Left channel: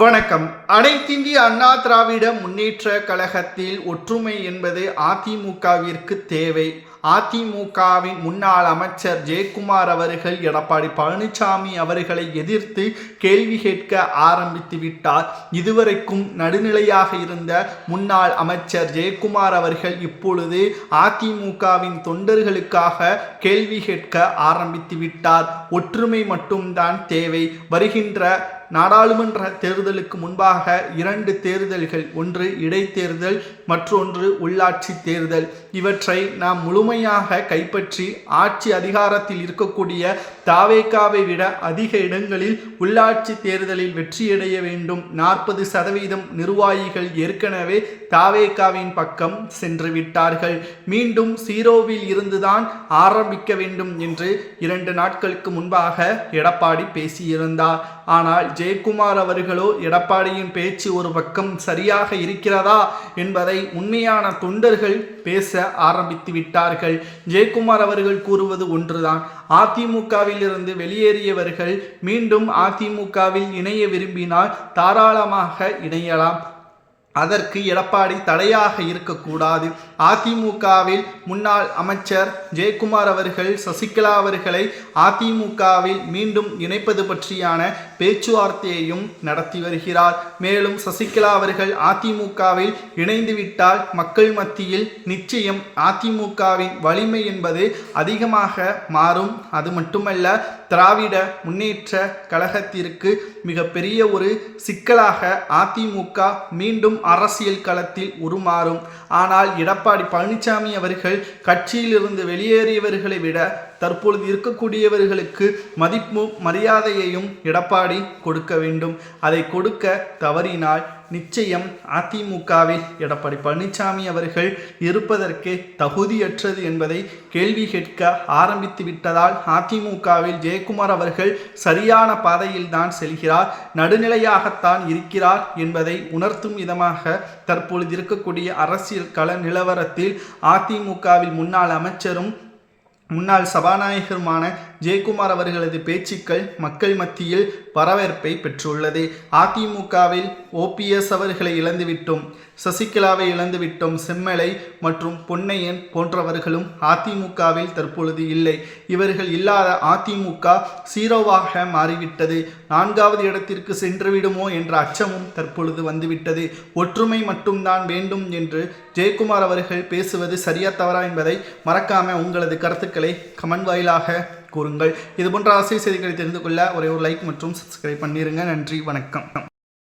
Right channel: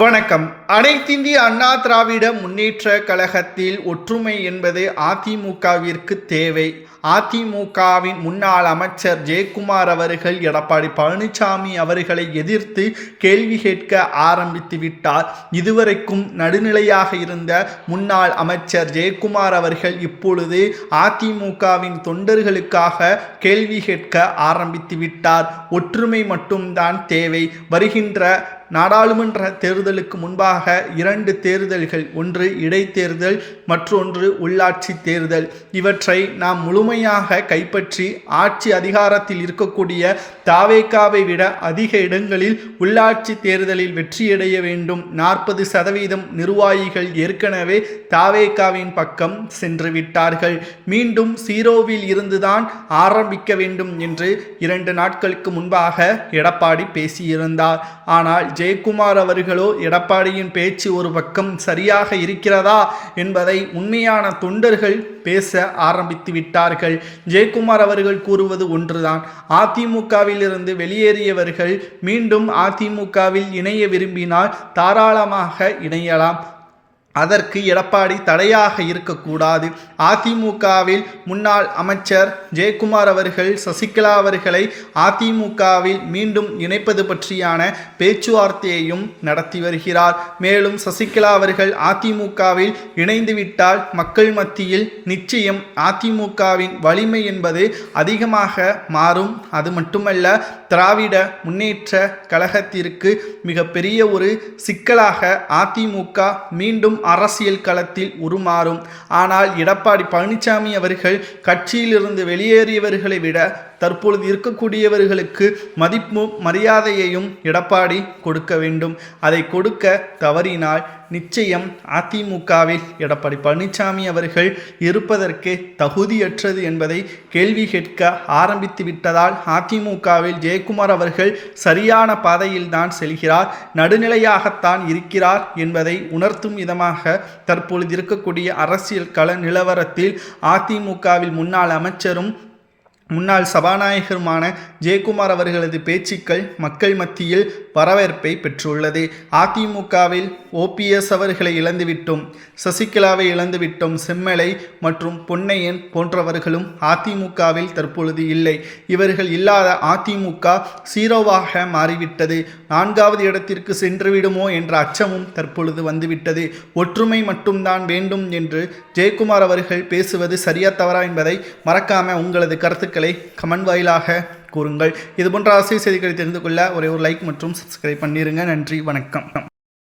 வணக்கம். அனைத்திந்திய அண்ணா திராவிட முன்னேற்ற கழகத்தில் ஒற்றுமை என்பது அதிமுகவிற்கு தேவை. அதிமுகவின் முன்னாள் அமைச்சர் ஜெயக்குமார் அவர்கள் எடப்பாடி பழனிசாமி அவர்களை எதிர்த்து கேள்வி கேட்க ஆரம்பித்து விட்டார். இதுவரைக்கும் நடுநிலையாக இருந்த முன்னாள் அமைச்சர் ஜெயக்குமார் அவர்கள் இப்பொழுது அதிமுகவின் தொண்டர்களுக்காக கேள்வி கேட்க ஆரம்பித்து விட்டார். ஒற்றுமை மட்டும்தான் தேவை. வருகின்ற நாடாளுமன்ற தேர்தலுக்கு முன்பாக 2 தேர்தல்கள், ஒன்று இடைத்தேர்தல், மற்றொன்று உள்ளாட்சி தேர்தல். இவற்றை நாம் முழுமையாக கைப்பற்றி ஆட்சி அதிகாரத்தில் இருக்கக்கூடிய தாவேகாவை விட அதிக இடங்களில் உள்ளாட்சி தேர்தலில் வெற்றியடைய வேண்டும். 40% நிர்வாகிகள் ஏற்கனவே தாவேகாவின் பக்கம் சென்று விட்டார்கள். மீண்டும் ஜீரோவில் இருந்துதான் ஆரம்பிக்க வேண்டும் என்று 2 நாட்களுக்கு முன்பாக எடப்பாடி பேசியிருந்தார். ஆனால் ஜெயக்குமார் அவர்களோ எடப்பாடியின் பேச்சு ஒரு பக்கம் சரியாக இருக்கிறதா என்பதை உண்மையான தொண்டர்கள் பேச ஆரம்பித்து விட்டார்கள். ஜெயக்குமார் அவர்கள் கூறுவது ஒன்றுதான். அதிமுகவில் இருந்து வெளியேறியவர்கள் மீண்டும் அதிமுகவில் இணைய விரும்பினால் தாராளமாக இணையலாம். அதற்கு எடப்பாடி தடையாக இருக்கக்கூடாது. அதிமுகவில் முன்னாள் அமைச்சர் ஜெயக்குமார் அவர்கள் சசிகலா அவர்களை அதிமுகவில் மீண்டும் இணைப்பது பற்றியான பேச்சுவார்த்தையையும் நடத்தி வருகிறார். மேலும் சசிகலா அவர்கள் அதிமுகவில் இணைந்துவிட்டால் மக்கள் மத்தியில் நிச்சயம் அதிமுகவின் வலிமை என்பது அதிகமாக மாறும். அது மட்டுமல்ல, திராவிட முன்னேற்ற கழகத்திற்கு மிகப்பெரிய ஒரு சிக்கலாக அதிமுக மீண்டும் அரசியல் களத்தில் உருமாறும். ஆனால் எடப்பாடி பழனிசாமி அவர்கள் கட்சியிலிருந்து வெளியேறியவர்களை விட தற்பொழுது இருக்கக்கூடியவர்களுக்கு மதிப்பும் மரியாதையையும் எடப்பாடி கொடுக்க வேண்டும். அதை கொடுக்க தவறினால் நிச்சயம் அதிமுகவில் எடப்பாடி பழனிசாமி அவர்கள் இருப்பதற்கு தகுதியற்றது என்பதை கேள்வி கேட்க ஆரம்பித்து விட்டதால் அதிமுகவில் ஜெயக்குமார் அவர்கள் சரியான பாதையில் தான் செல்கிறார், நடுநிலையாகத்தான் இருக்கிறார் என்பதை உணர்த்தும் விதமாக தற்பொழுது இருக்கக்கூடிய அரசியல் கள நிலவரத்தில் அதிமுகவில் முன்னாள் அமைச்சரும் முன்னாள் சபாநாயகருமான ஜெயக்குமார் அவர்களது பேச்சுக்கள் மக்கள் மத்தியில் வரவேற்பை பெற்றுள்ளது. அதிமுகவில் ஓபிஎஸ் அவர்களை இழந்துவிட்டோம், சசிகலாவை இழந்துவிட்டோம், செம்மலை மற்றும் பொன்னையன் போன்றவர்களும் அதிமுகவில் தற்பொழுது இல்லை. இவர்கள் இல்லாத அதிமுக சீரோவாக மாறிவிட்டது. 4வது இடத்திற்கு சென்றுவிடுமோ என்ற அச்சமும் தற்பொழுது வந்துவிட்டது. ஒற்றுமை மட்டும்தான் வேண்டும் என்று ஜெயக்குமார் அவர்கள் பேசுவது சரியா தவறா என்பதை மறக்காம உங்களது கருத்துக்களை கமெண்ட் வாயிலாக கூறுங்கள். இதுபோன்ற அரசியல் செய்திகளை தெரிந்து கொள்ள ஒரே ஒரு லைக் மற்றும் சப்ஸ்கிரைப் பண்ணிருங்க. நன்றி, வணக்கம்.